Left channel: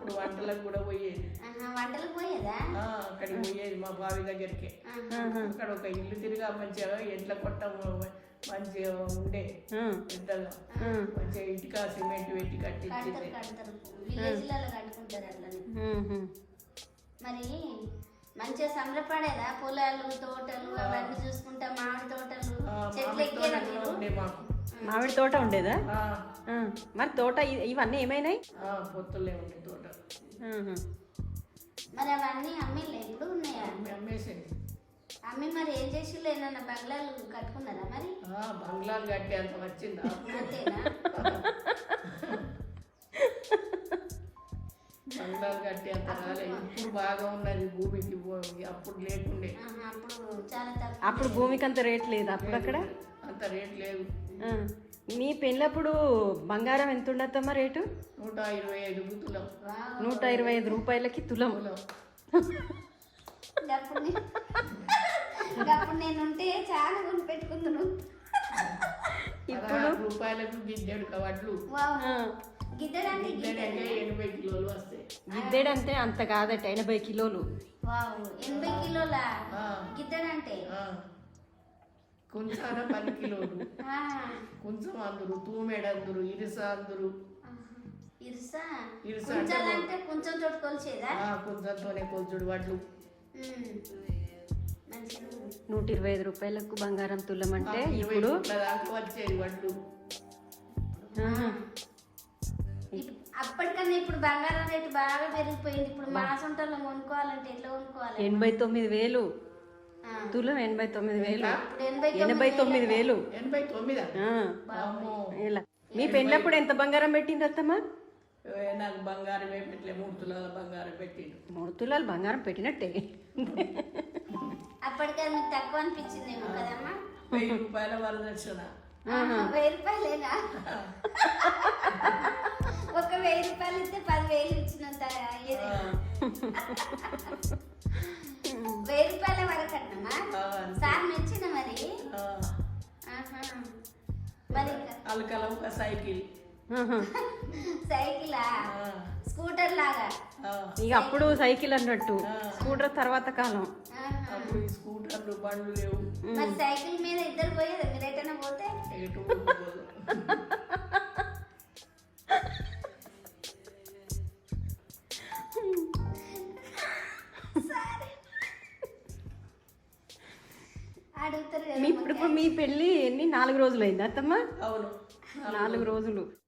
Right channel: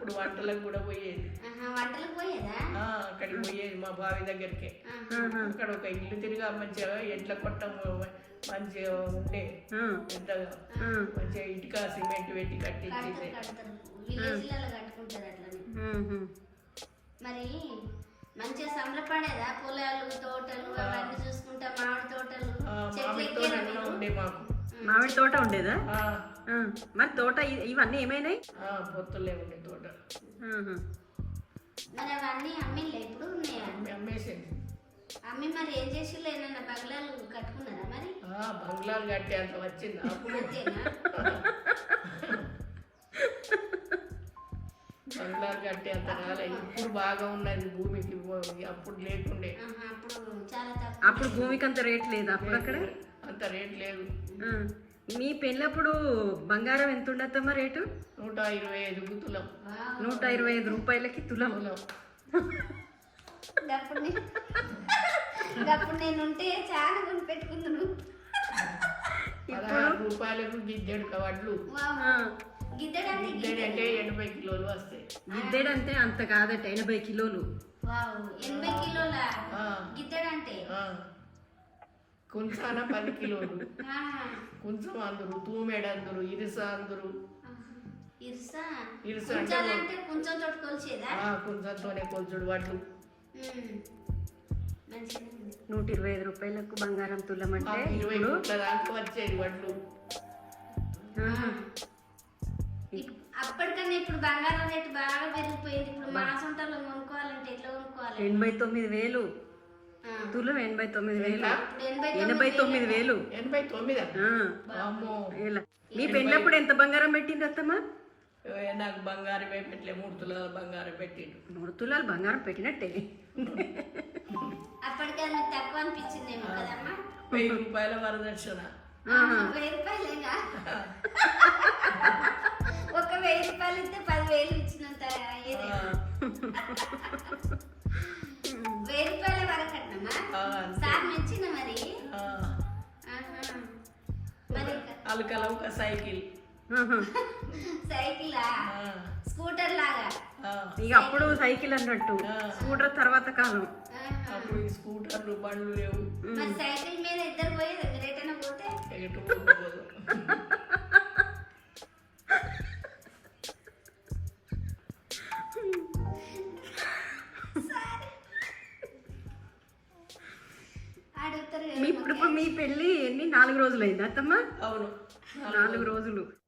అప్పుడు వంటలకు కూడా పోయేది. అక్కడికి పోయేది మా బావి దగ్గరికి. అక్కడ ఒక ఇల్లు తిరిగా మంచిగా ఎడ్ల కొట్టం మంచిగా ఉండే పెద్దగా. మంచిగా ఇటుక సిమెంట్ పెట్టి కట్టించింది. మరి మంచిగా సంబరపడేదా? పొలాలు తోటలు మామిడి తోట ఉండేదా? మరి తోట ఇవన్నీ ఏమైనాయి? ఆ, పొత్తులే ఉండే తోట. మరి అవన్నీ అమ్మిళ్ళే ఇప్పుడు అమ్మేసింది. అమ్మి మరి ఏం చేసిళ్ళు? ఏమన్నా బంగ్లాలు కట్టుకున్నారా మరి? ఆ, బంగ్లాలు కట్టే అంత వచ్చింది అప్పుడు బంగ్లాలు కట్టే అంత రాలే. ఇప్పుడు బాగా ఉన్నది భూమికి అప్పుడు లేకుండే. అప్పుడు భూమికి అంత రేట్ లేదు? అప్పుడు అక్కడ అంత రేట్ లేదు. మీ పెళ్ళప్పుడు బంగారం ఎంత ఉండద్దమ్మా రేటు? నూట ఇరవై ఐదు వావ్. నూట ఇరవై ఐదు రూపాయలకి తులం. తులం. అప్పుడు నేను ఉంటే చాలా కొని పెట్టుకుంటున్నాను పదహారు రూపాయలకు గిద్దెడు వడ్లు ఆ. గిద్దడానికి గిద్దెడు అంటే ఎనభై కిలోలు వస్తాయి. గిద్దెడంటే అంత కాదట ఎనభై కిలోలు. వావ్. ఎనభై కిలోల? ఆ, గిద్దడంటే? ఆ. కుంచాన పది కిలోలు ఆహా. కొంచెం అందరు తూమెడు అందరు ఇరుస అందరు. ఇరుసా? ఇరుస అంటే కొంచెం తోటి కొలిచేదా? ఆ, కొంచెంతోనే కొంచెడు వడ్లు. నూట ఇరవై ఐదు రూపాయలకు బంగారం తులం అంటే ఇరవై దాకా వచ్చేది వడ్లు. అప్పటికన్నా ఇప్పుడు బంగారం రేటు బాగా పెరిగిపోయింది. ఇప్పుడు మా సొంతంలో కొనుక్కోవాలంటే ఎట్లా కొనుక్కోవాలి? ఎనభై తొమ్మిది వేలు. తులం ఎనభై తొమ్మిది వేలు. ఎనభై తొమ్మిది వేలు. ఎనభై తొమ్మిదా? ఆ. అమ్మో ఇలా మీ పెళ్ళప్పుడు ఎంత బంగారం పెట్టింది అత్తమ్మా? నాకు బంగారం పెట్టలే మూడు తులాల బంగారం పెట్టిండు మూడు తులాలు బంగారం పెట్టినట్టే. అప్పటికే తక్కువ వెయ్యి రూపాయల వరదక్షిణ. ఒక వెయ్యి రూపాయలు ఇస్తే పదివేలు ఇచ్చినంత సార్ మెచ్చిన మరి అలకల ఒక సైకిల్. సైకిలా? ఆ, స్కూటర్ లాగా? ఆ. ఇక అప్పుడు సైకిల్ అన్నట్టు. స్కూటర్ తర్వాత కాలం. అప్పుడు ఈ స్కూటర్లు బండ్లు లేవు. మరి సైకిల్ మీద ఇద్దరు మీరు ఎటైనా పోతే? ఇప్పుడు మీ పెళ్ళి ఎన్ని? నాలుగు రోజులు అయింది అత్తమ్మ? అవును. నాలుగు రోజులు.